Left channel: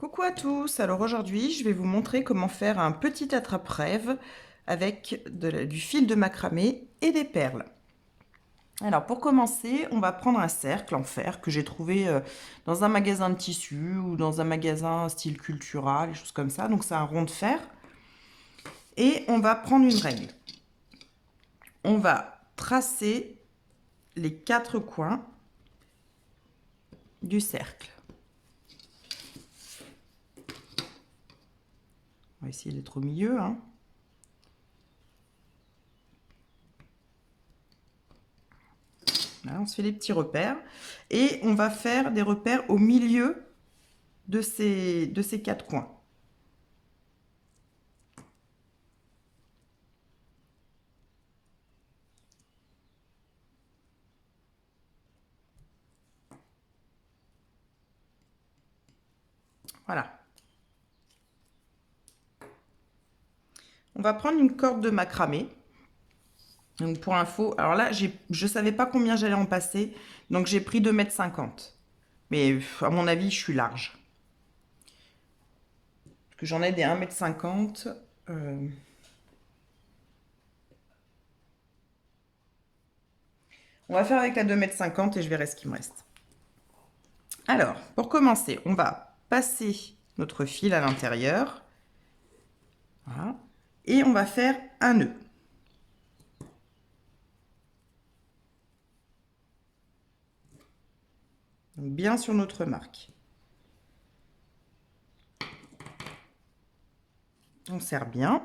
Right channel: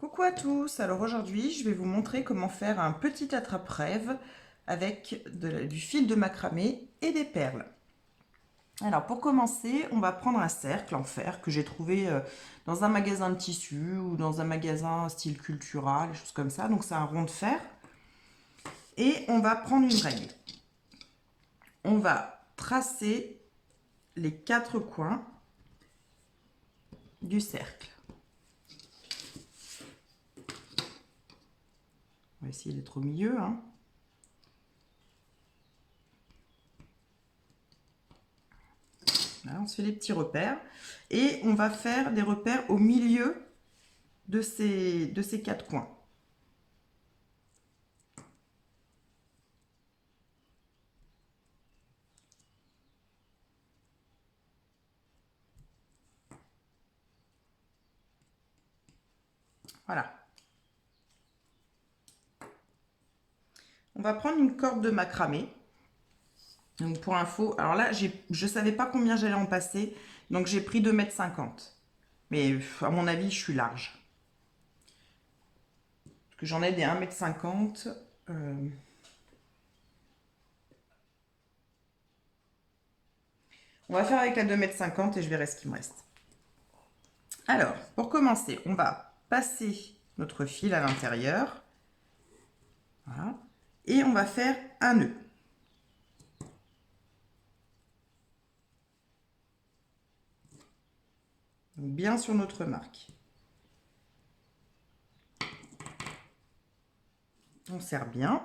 Coucou à tous, alors aujourd'hui je vais vous montrer comment faire un petit attrape-rêve avec du fil de macramé et des perles. Alors pour commencer, on va prendre un cercle en fer que j'ai trouvé dans un magasin de tissus ou dans un magasin style Cultura, des choses comme ça. Donc c'est un rond de fer. Et on va prendre une règle. On va tracer les quatre coins du cercle. On va essayer d'être au milieu, hein. Là, on se fait les petits repères et on va faire des repères au milieu de ces quatre coins. Voilà. On va prendre une corde de macramé. Donc pour info, alors là, je ne savais pas combien j'allais en passer, donc j'ai pris 2,50 m. Mais à mon avis, je suis large. Parce que j'en ai des 1,50 m. On va faire avec la 2,50 m et je verrai ce qui me reste. Alors, pour commencer, on va passer notre fil à l'intérieur. Voilà. Et on va faire un nœud. Donc bien sur notre marque. On serre bien.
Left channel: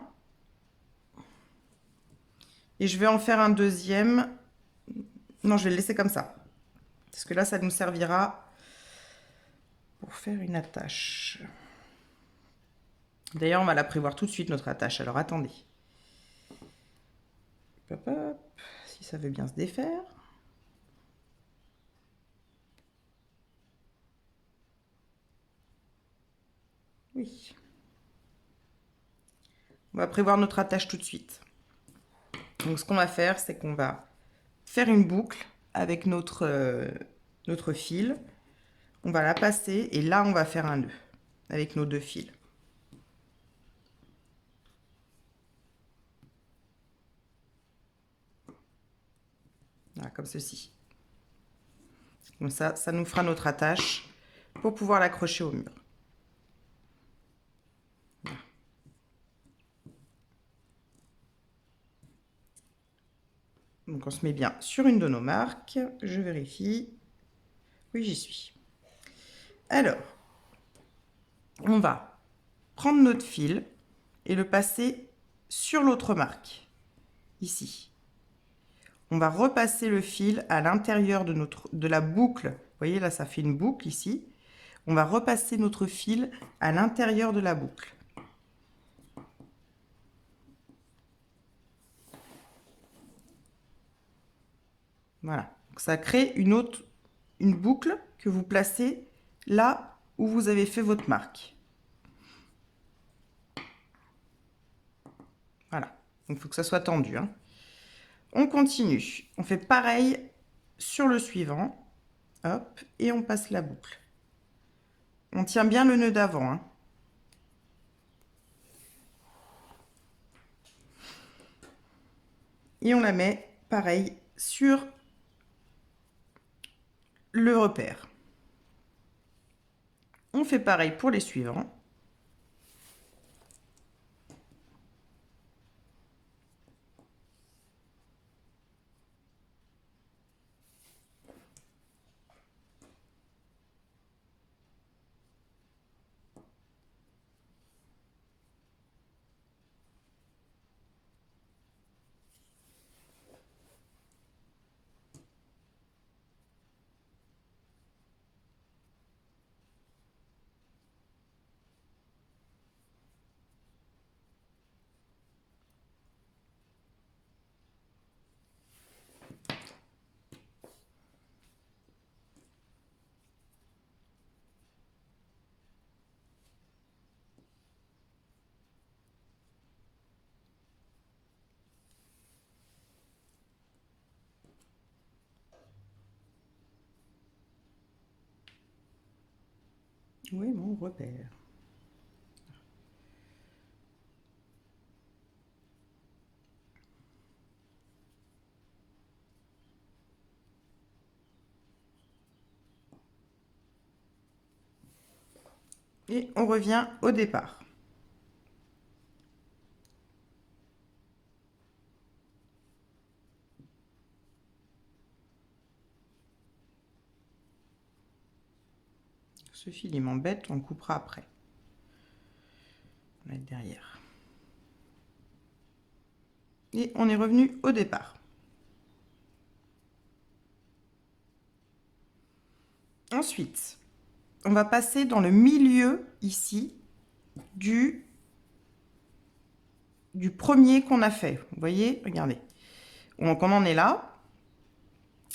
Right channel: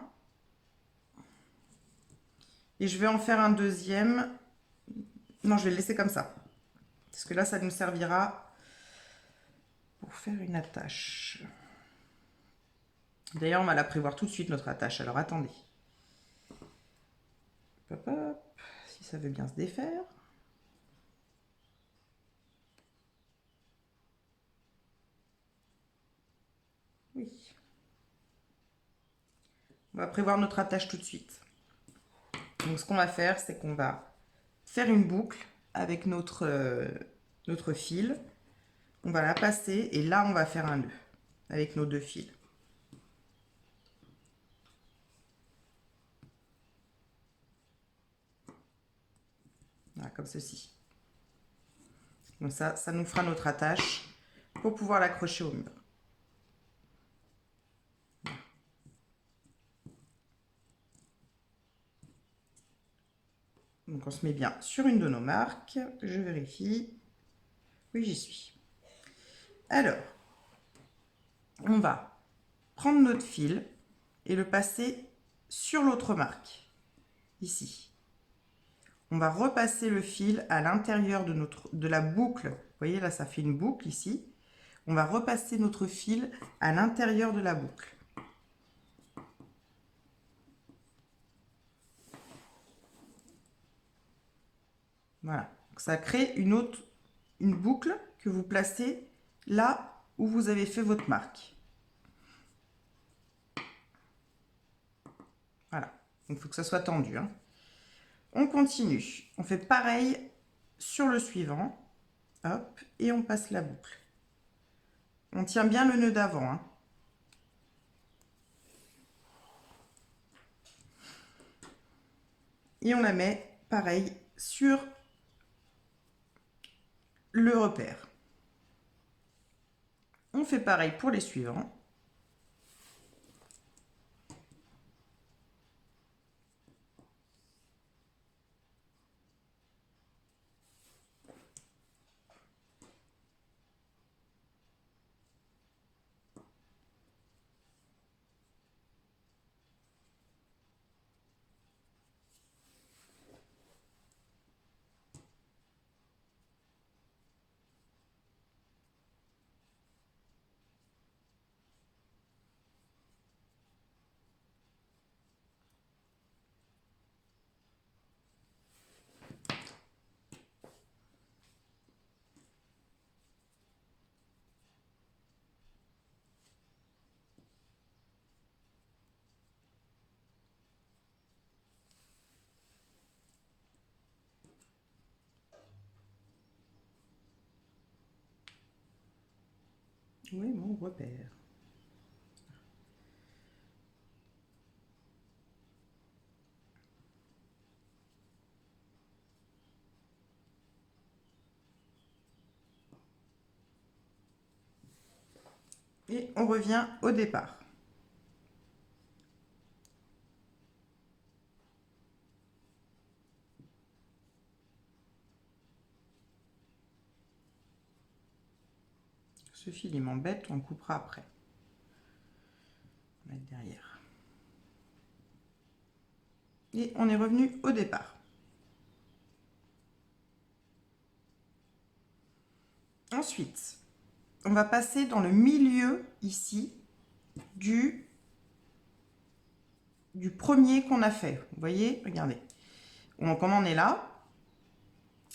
Et je vais en faire un deuxième. Non, je vais le laisser comme ça. Parce que là, ça nous servira pour faire une attache. D'ailleurs, on va la prévoir tout de suite, notre attache. Alors, attendez. Hop, hop, si ça veut bien se défaire. Oui. On va prévoir notre attache tout de suite. Donc, ce qu'on va faire, c'est qu'on va faire une boucle avec notre fil. On va la passer et là, on va faire un nœud avec nos deux fils. Voilà, comme ceci. Comme ça nous fera notre attache pour pouvoir l'accrocher au mur. Donc on se met bien sur une de nos marques. Je vérifie. Oui, j'y suis. Alors, on va prendre notre fil et le passer sur l'autre marque, ici. On va repasser le fil à l'intérieur de la boucle. Vous voyez, là, ça fait une boucle ici. On va repasser notre fil à l'intérieur de la boucle. Voilà. Donc, ça crée une boucle que vous placez là où vous avez fait votre marque. Voilà. Donc, il faut que ça soit tendu, hein. On continue. On fait pareil sur le suivant. Hop, et on passe la boucle. On tient bien le nœud d'avant, hein. Et on la met pareil sur le repère. On fait pareil pour les suivants. Oui, mon repère. Et on revient au départ. Ce fil, il m'embête, on le coupera après. On va mettre derrière. Et on est revenu au départ. Ensuite, on va passer dans le milieu ici du premier qu'on a fait. Vous voyez, regardez. Donc on en est là.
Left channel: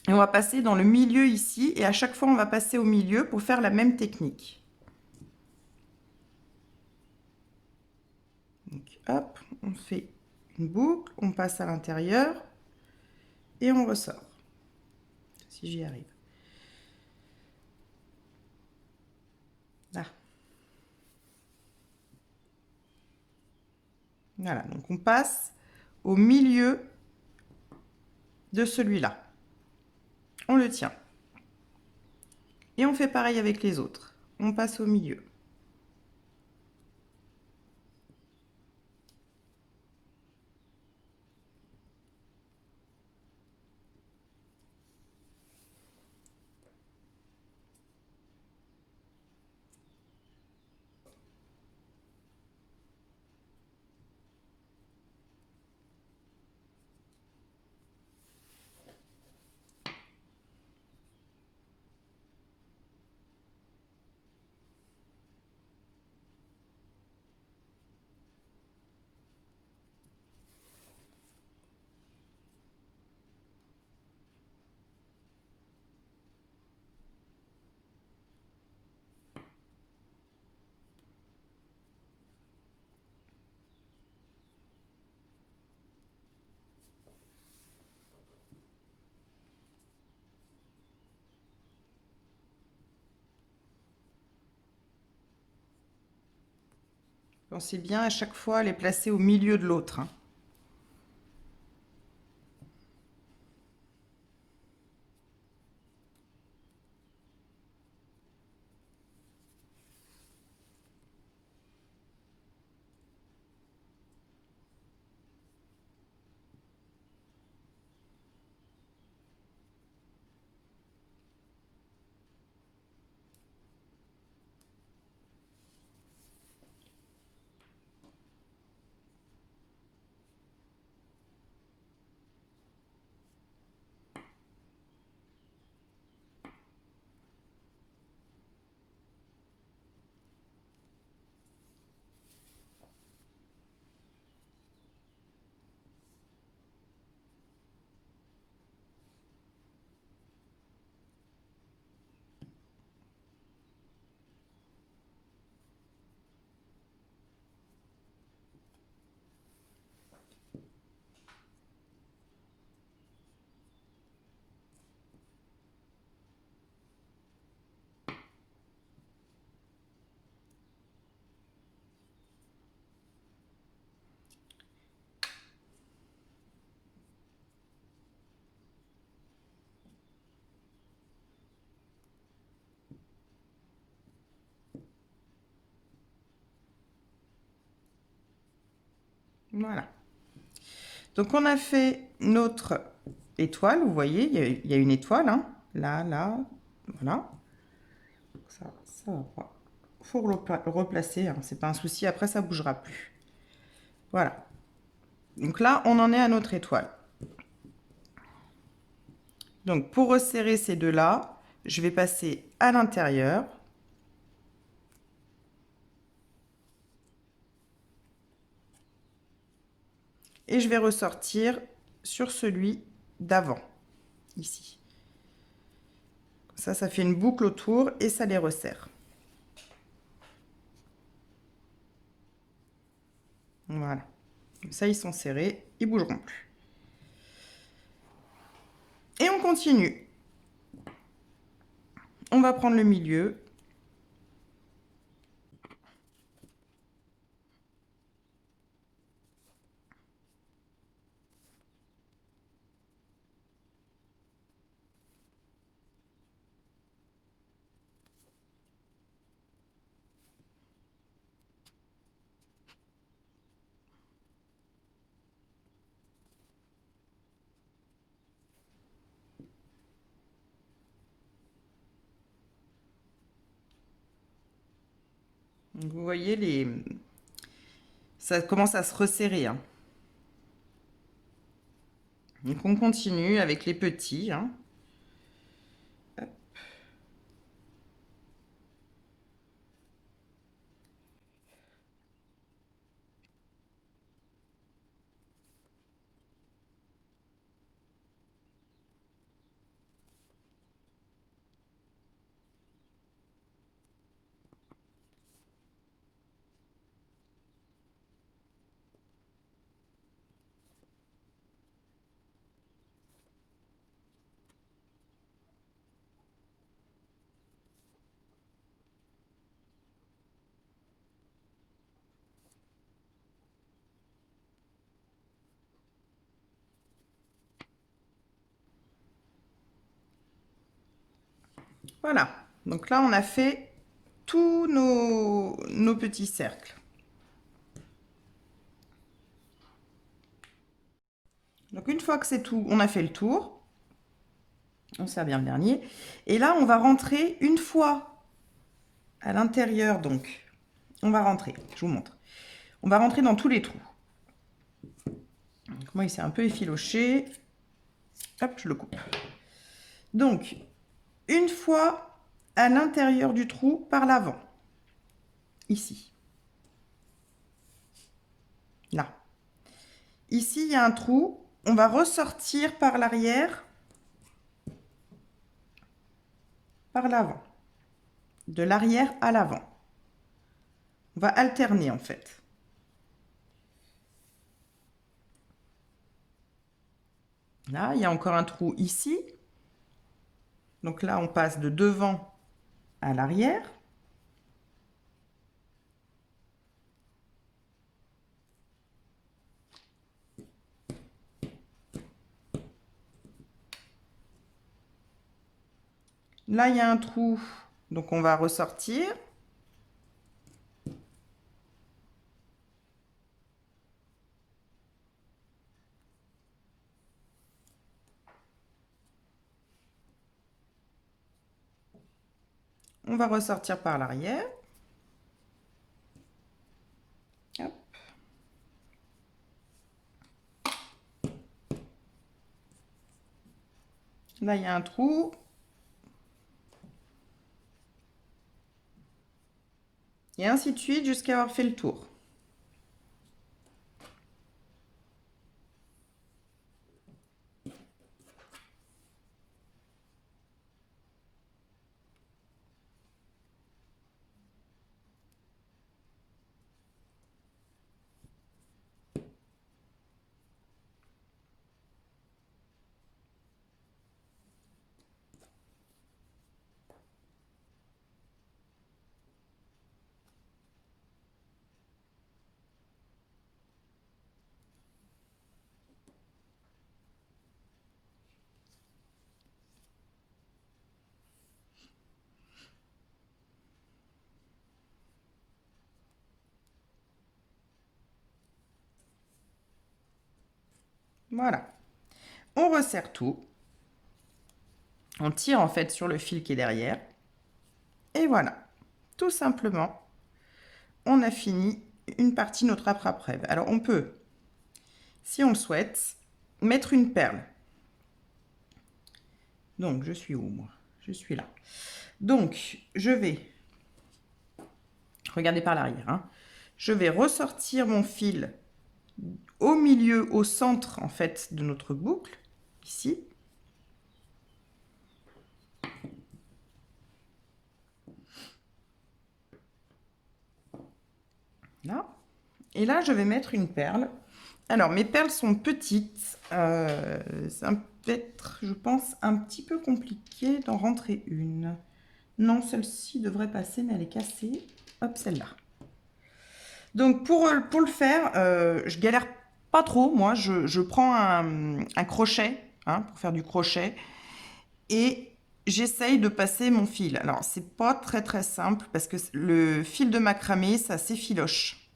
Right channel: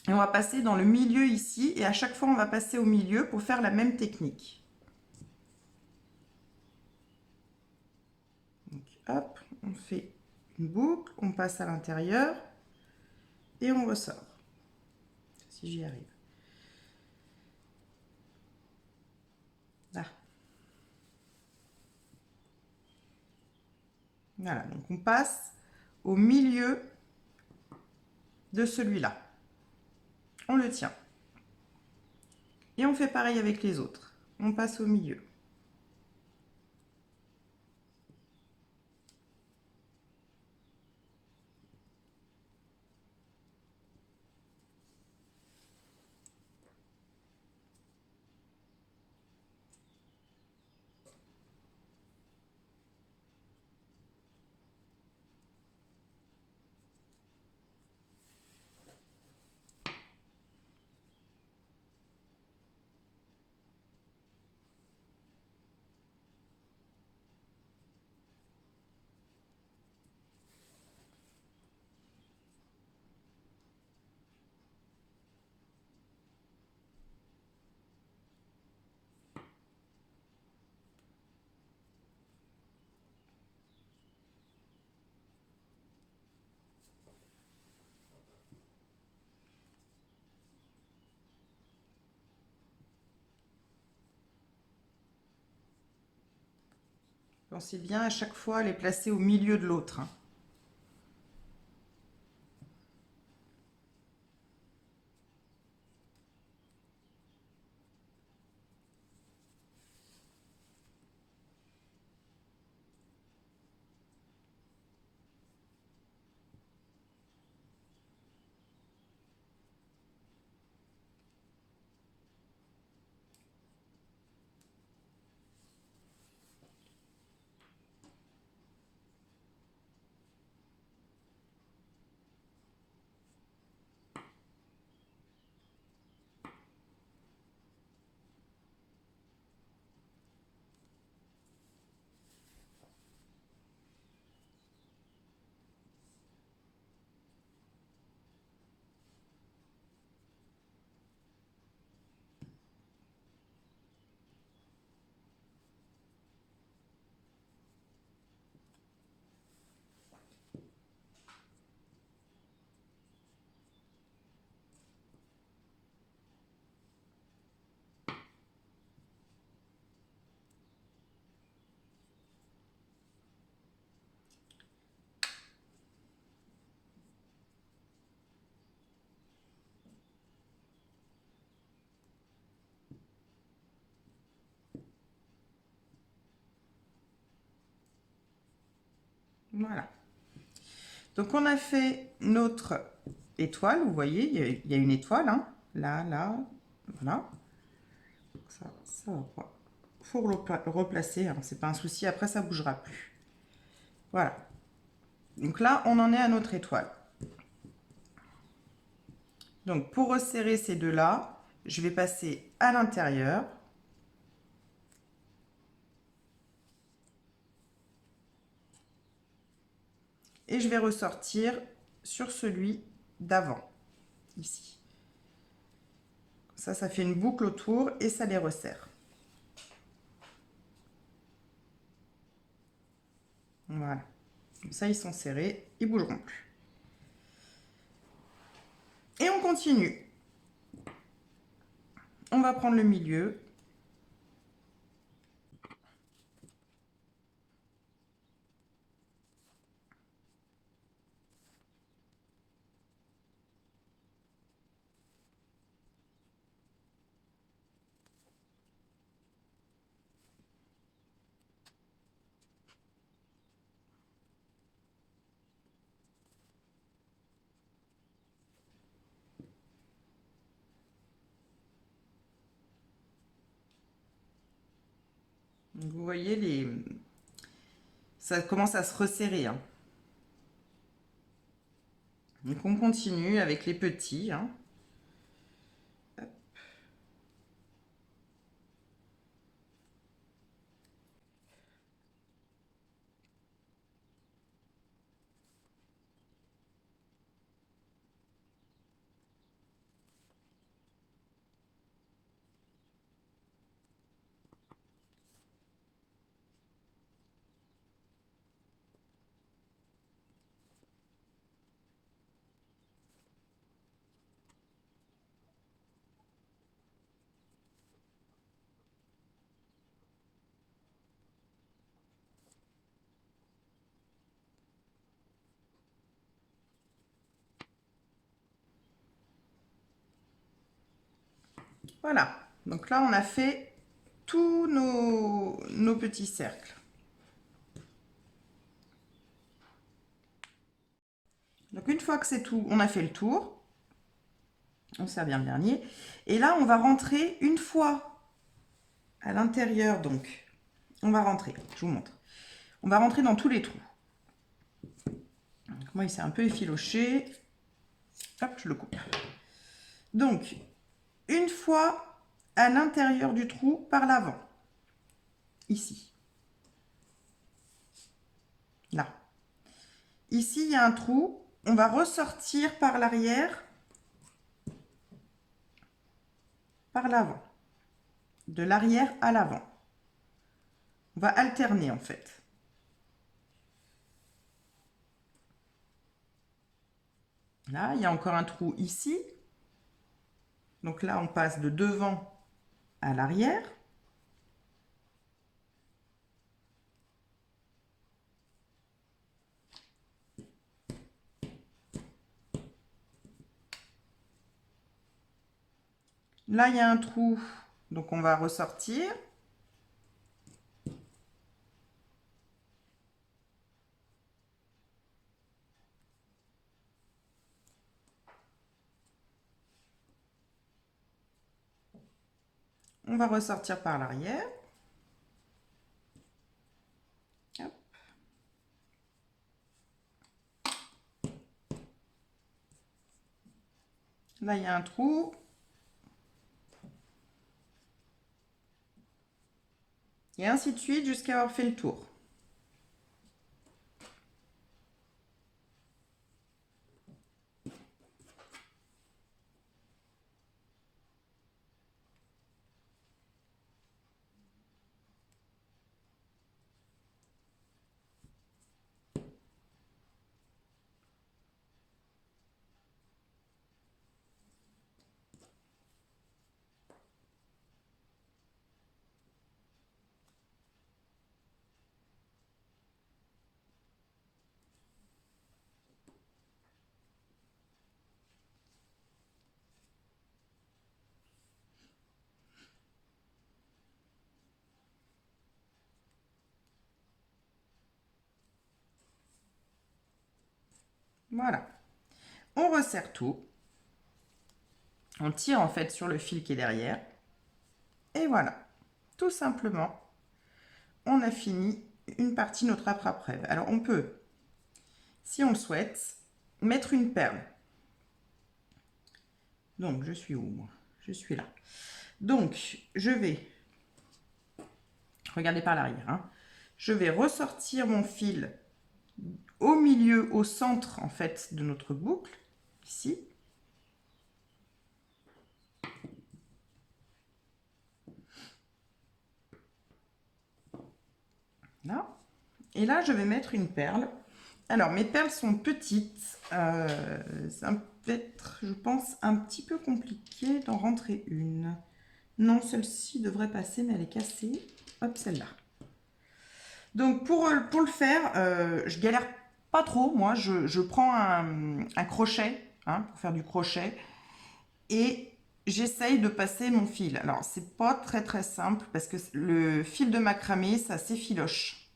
Et on va passer dans le milieu ici. Et à chaque fois, on va passer au milieu pour faire la même technique. Donc, hop, on fait une boucle, on passe à l'intérieur et on ressort. Si j'y arrive. Là. Voilà, donc on passe au milieu de celui-là. On le tient. Et on fait pareil avec les autres. On passe au milieu. Pensez bien à chaque fois à les placer au milieu de l'autre. Voilà. Donc on a fait notre étoile, vous voyez, il y a une étoile, hein, là, là, voilà. Ça va pas. Il faut replacer, hein, c'est pas un souci, après ça bougera plus. Voilà. Donc là, on en est à notre étoile. Donc pour resserrer ces deux-là, je vais passer à l'intérieur. Et je vais ressortir sur celui d'avant, ici. Ça fait une boucle autour et ça les resserre. Voilà. Comme ça, ils sont serrés, ils ne bougeront plus. Et on continue. On va prendre le milieu. Donc, vous voyez, ça commence à se resserrer, hein. Donc on continue avec les petits, hein. Voilà, donc là on a fait tous nos petits cercles. Donc une fois que c'est tout, on a fait le tour, on sert bien le dernier. Et là on va rentrer une fois à l'intérieur, donc on va rentrer, je vous montre. On va rentrer dans tous les trous. Donc moi il s'est un peu effiloché, hop je le coupe. Donc une fois à l'intérieur du trou par l'avant, ici, là. Ici il y a un trou, on va ressortir par l'arrière, par l'avant, de l'arrière à l'avant. On va alterner en fait. Là, il y a encore un trou ici. Donc là, on passe de devant à l'arrière. Là, il y a un trou, donc on va ressortir. On va ressortir par l'arrière. Là, il y a un trou. Et ainsi de suite jusqu'à avoir fait le tour. Voilà. On resserre tout. On tire en fait sur le fil qui est derrière. Et voilà. Tout simplement, on a fini une partie de notre attrape-rêve. Alors on peut, si on le souhaite, mettre une perle. Donc je suis où moi? Je suis là. Donc je vais, regardez par l'arrière, hein, je vais ressortir mon fil au milieu, au centre en fait de notre boucle, ici. Là. Et là, je vais mettre une perle. Alors, mes perles sont petites. Ça peut être, je pense, un petit peu compliqué d'en rentrer une. Non, celle-ci devrait passer, mais elle est cassée. Hop, celle-là. Donc, pour le faire, je galère pas trop. Moi, je prends un crochet, hein, pour faire du crochet. Et j'essaye de passer mon fil. Alors, c'est pas très très simple parce que le fil de macramé, ça s'effiloche.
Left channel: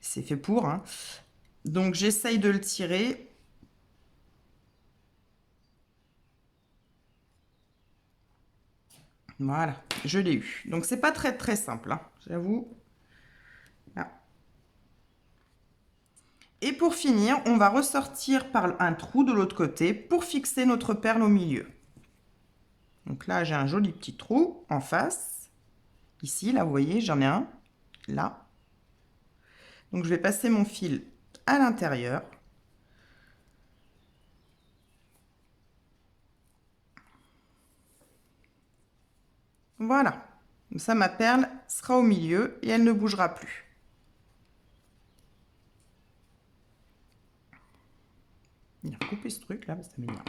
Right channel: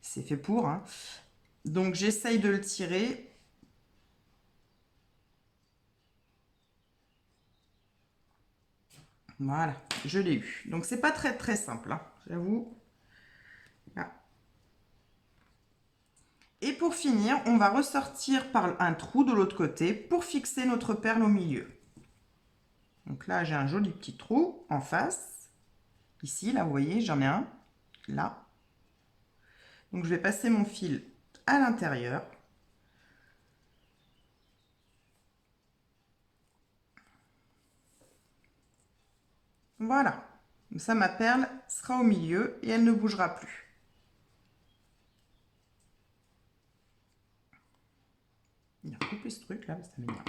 C'est fait pour, hein. Donc, j'essaye de le tirer. Voilà, je l'ai eu. Donc, c'est pas très très simple, hein, j'avoue. Là. Et pour finir, on va ressortir par un trou de l'autre côté pour fixer notre perle au milieu. Donc là, j'ai un joli petit trou en face. Ici, là, vous voyez, j'en ai un. Là. Donc je vais passer mon fil à l'intérieur. Voilà. Comme ça, ma perle sera au milieu et elle ne bougera plus. Il a recoupé ce truc là, ça m'énerve.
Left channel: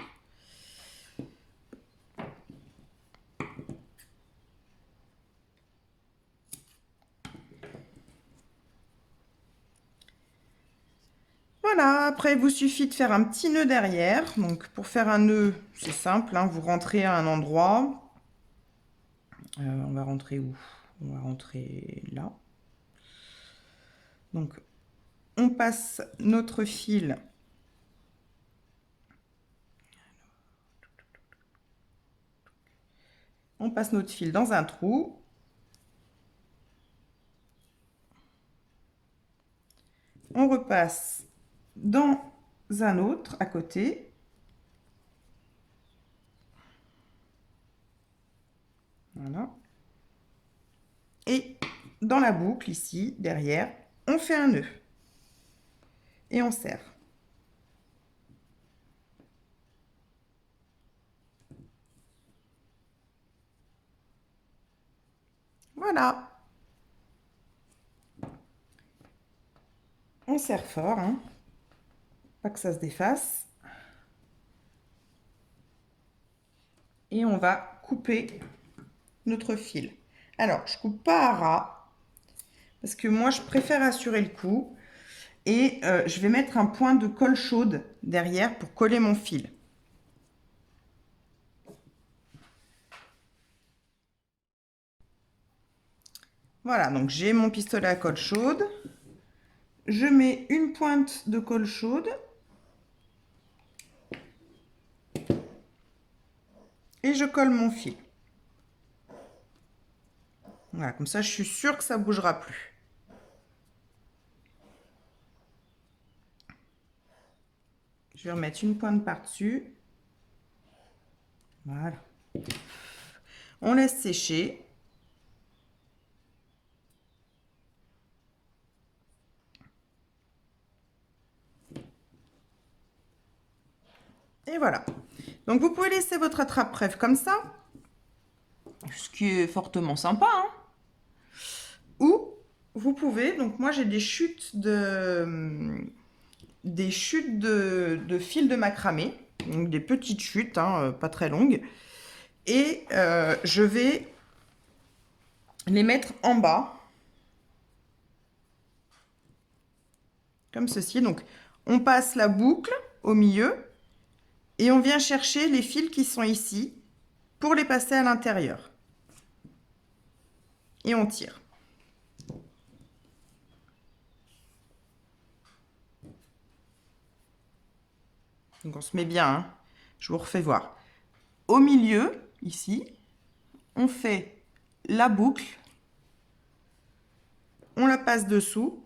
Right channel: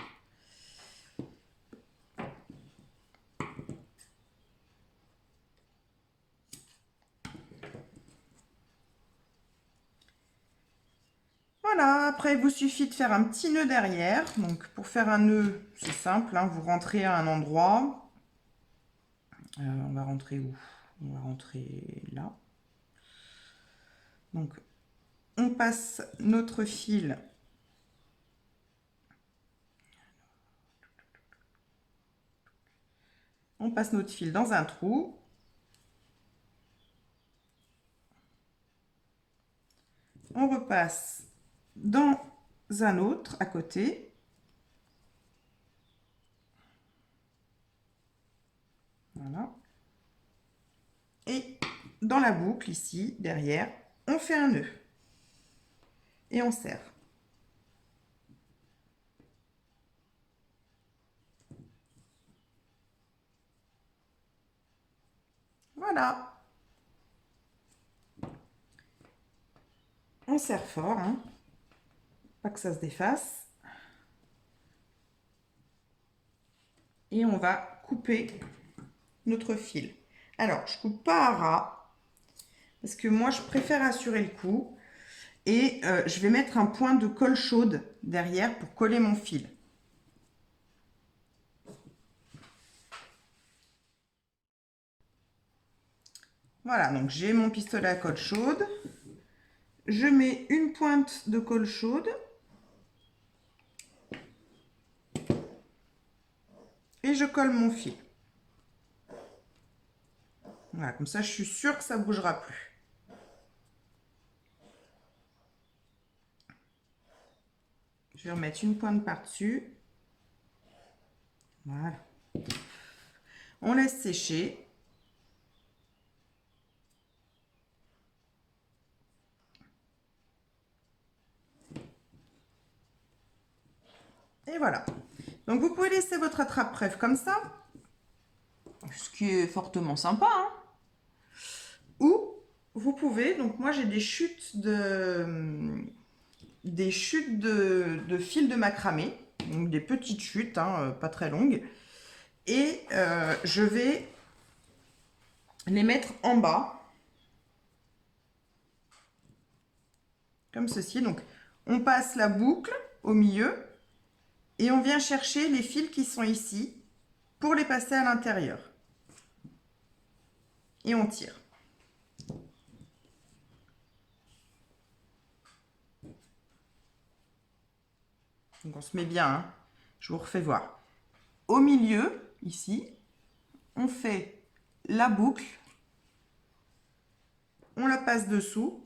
Voilà, après il vous suffit de faire un petit nœud derrière. Donc pour faire un nœud, c'est simple, hein, vous rentrez à un endroit. On va rentrer où? On va rentrer là. Donc on passe notre fil. On passe notre fil dans un trou. On repasse dans un autre à côté. Voilà. Et dans la boucle ici, derrière, on fait un nœud. Et on serre. Voilà. On serre fort, hein. Pas que ça se défasse. Et on va couper notre fil. Alors, je coupe pas à ras, parce que moi, je préfère assurer le coup. Et je vais mettre un point de colle chaude derrière pour coller mon fil. Voilà, donc j'ai mon pistolet à colle chaude. Je mets une pointe de colle chaude. Et je colle mon fil. Voilà, comme ça je suis sûre que ça ne bougera plus. Je vais remettre une pointe par-dessus. Voilà. On laisse sécher. Et voilà. Donc vous pouvez laisser votre attrape-brève comme ça, ce qui est fortement sympa, hein. Ou vous pouvez, donc moi j'ai des chutes de fil de macramé, donc des petites chutes, hein, pas très longues, et je vais les mettre en bas, comme ceci. Donc on passe la boucle au milieu et on vient chercher les fils qui sont ici pour les passer à l'intérieur. Et on tire. Donc on se met bien, hein. Je vous refais voir. Au milieu, ici, on fait la boucle, on la passe dessous,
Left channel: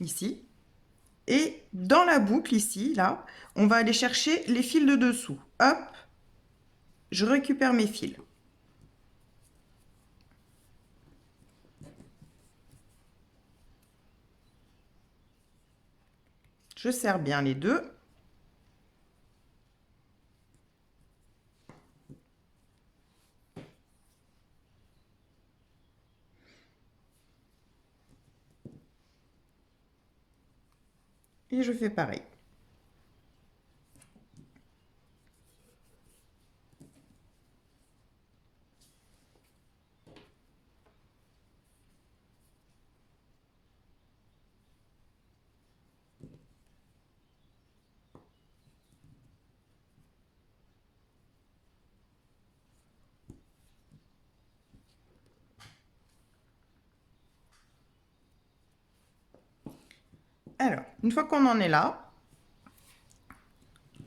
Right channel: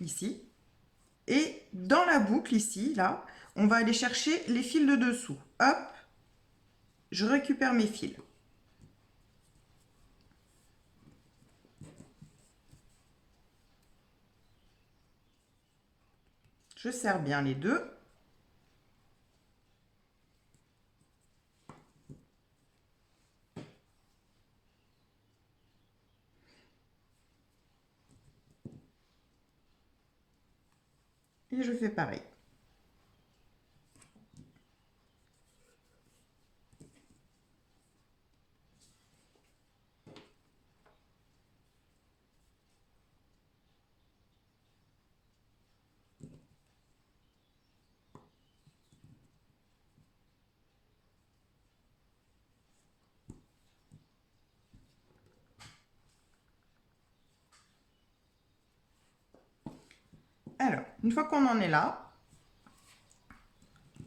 ici, et dans la boucle, ici, là, on va aller chercher les fils de dessous. Hop, je récupère mes fils. Je serre bien les deux. Et je fais pareil. Alors, une fois qu'on en est là,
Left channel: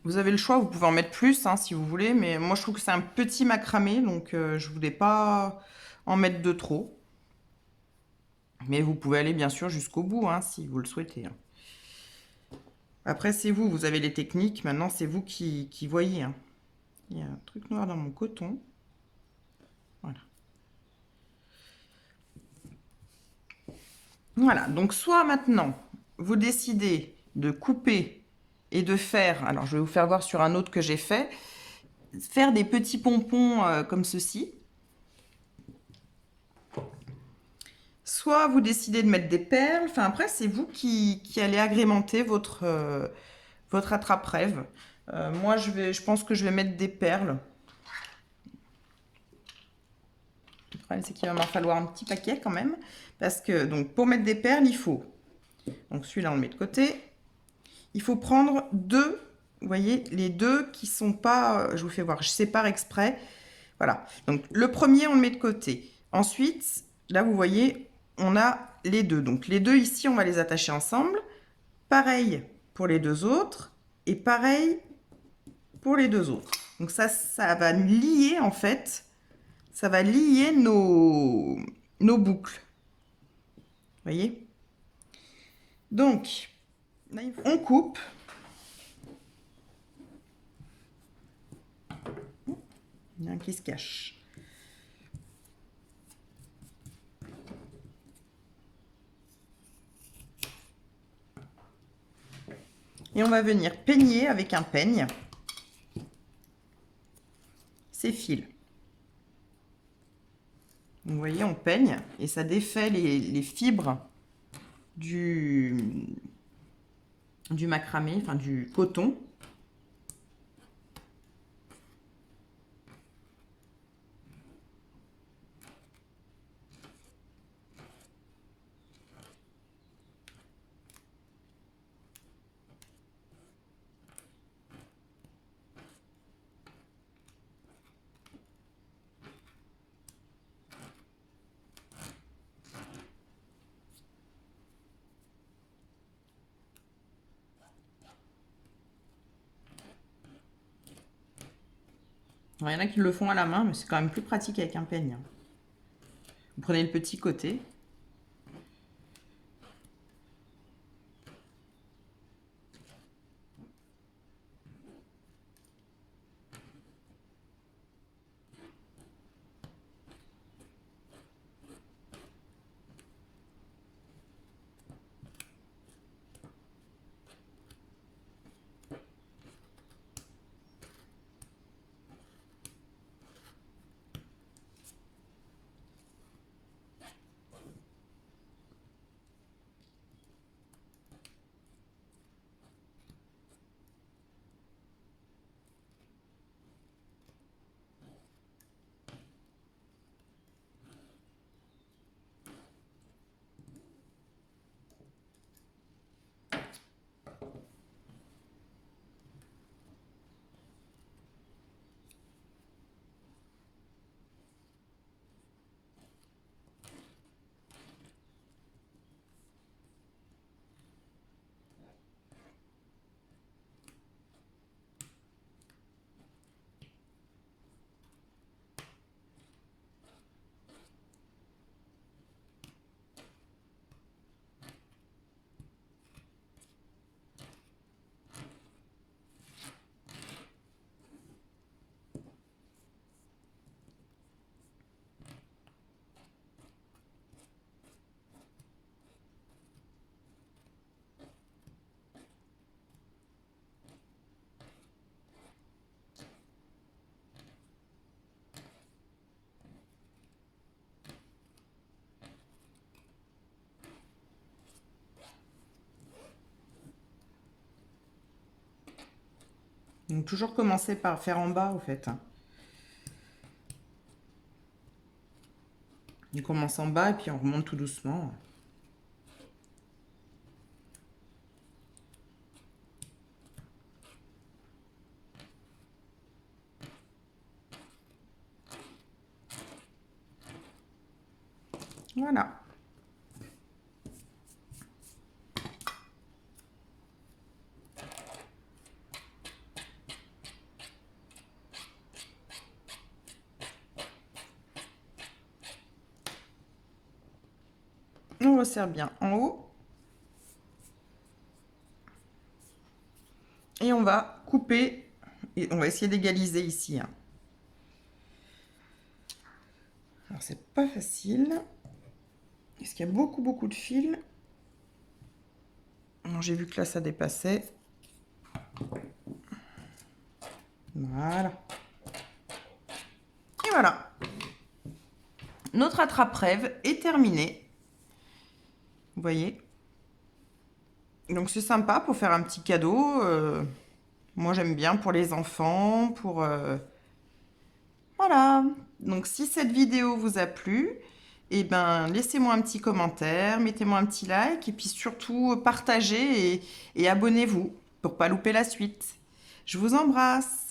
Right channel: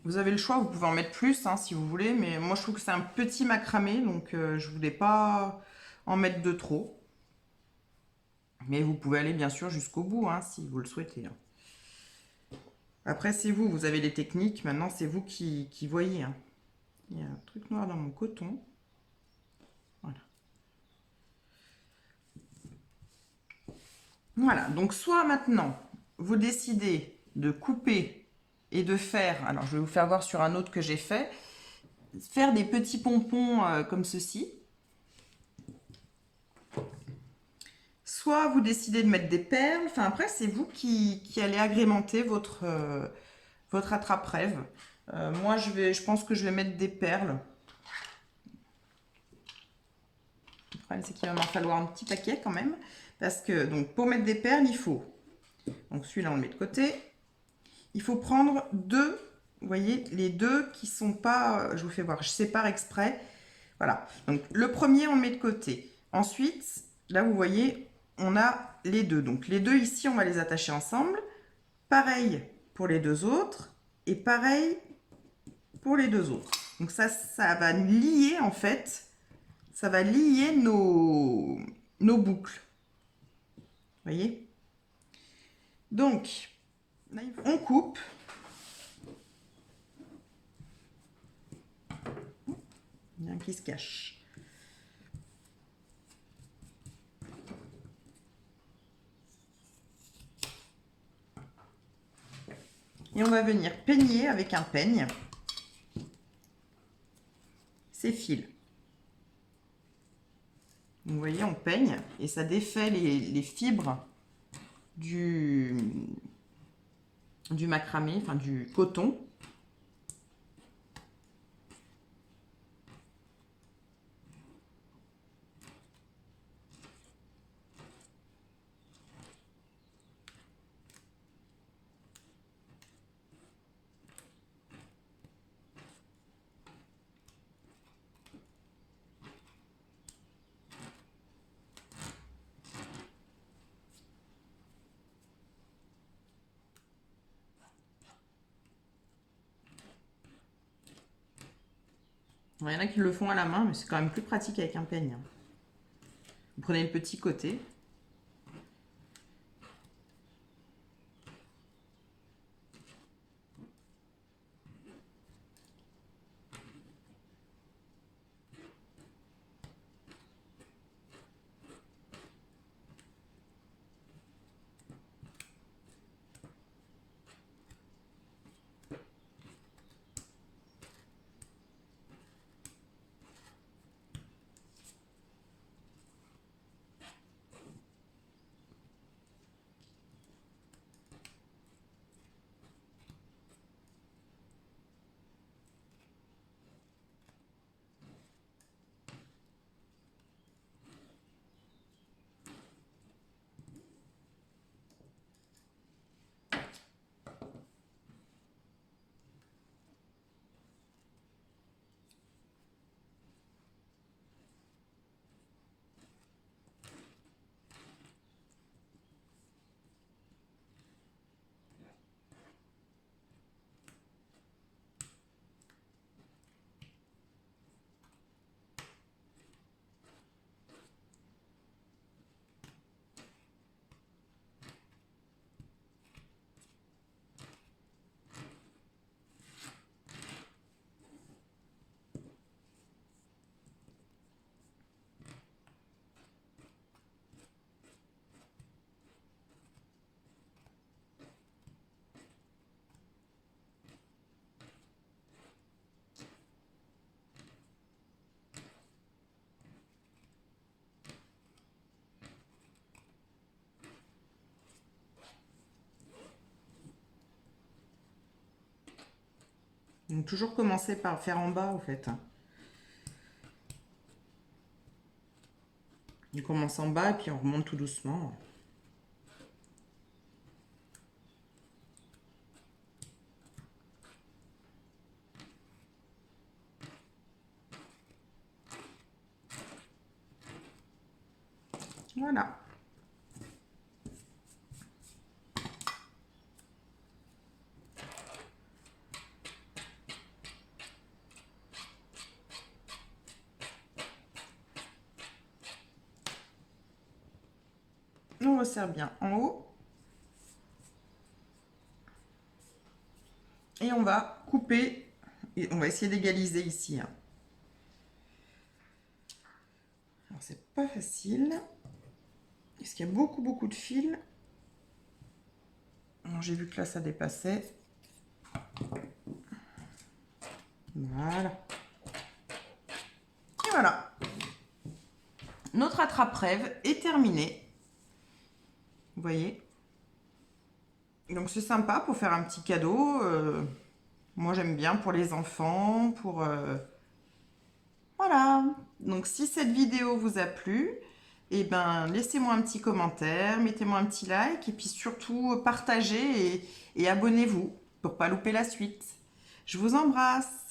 vous avez le choix, vous pouvez en mettre plus, hein, si vous voulez, mais moi je trouve que c'est un petit macramé, donc je ne voulais pas en mettre de trop. Mais vous pouvez aller bien sûr jusqu'au bout hein, si vous le souhaitez. Après, c'est vous, vous avez les techniques. Maintenant, c'est vous qui voyez. Hein. Il y a un truc noir dans mon coton. Voilà. Voilà, donc soit maintenant, vous décidez de couper et de faire, alors je vais vous faire voir sur un autre que j'ai fait, faire des petits pompons comme ceci. Soit vous décidez de mettre des perles, enfin après c'est vous qui allez agrémenter votre attrape-rêve. Moi je pense que je vais mettre des perles. Le problème c'est qu'il va m'en falloir un petit paquet quand même. Parce que donc pour mettre des perles il faut, donc celui-là on le met de côté. Il faut prendre deux, vous voyez, les deux qui sont pas, je vous fais voir, je sépare exprès. Voilà, donc le premier on le met de côté. Ensuite, là vous voyez, on a les deux. Donc les deux ici, on va les attacher ensemble. Pareil pour les deux autres et pareil pour les deux autres. Donc ça va lier en fait, ça va lier nos boucles. Vous voyez? Donc, là, on coupe. Il y en a un qui se cache. Et on va venir peigner avec un peigne ces fils. Donc, vous voyez, on peigne et ça défait les fibres du macramé, enfin du coton. Alors, il y en a qui le font à la main, mais c'est quand même plus pratique avec un peigne. Vous prenez le petit côté. Donc toujours commencer par faire en bas, en fait. On commence en bas et puis on remonte tout doucement. Voilà. On resserre bien en haut. Et on va couper, et on va essayer d'égaliser ici, hein. Alors c'est pas facile, parce qu'il y a beaucoup de fils. J'ai vu que là ça dépassait. Voilà. Et voilà. Notre attrape-rêve est terminé. Vous voyez? Donc c'est sympa pour faire un petit cadeau. Moi j'aime bien pour les enfants, pour... Voilà. Donc si cette vidéo vous a plu, eh ben, laissez-moi un petit commentaire, mettez-moi un petit like et puis surtout partagez et abonnez-vous pour pas louper la suite. Je vous embrasse.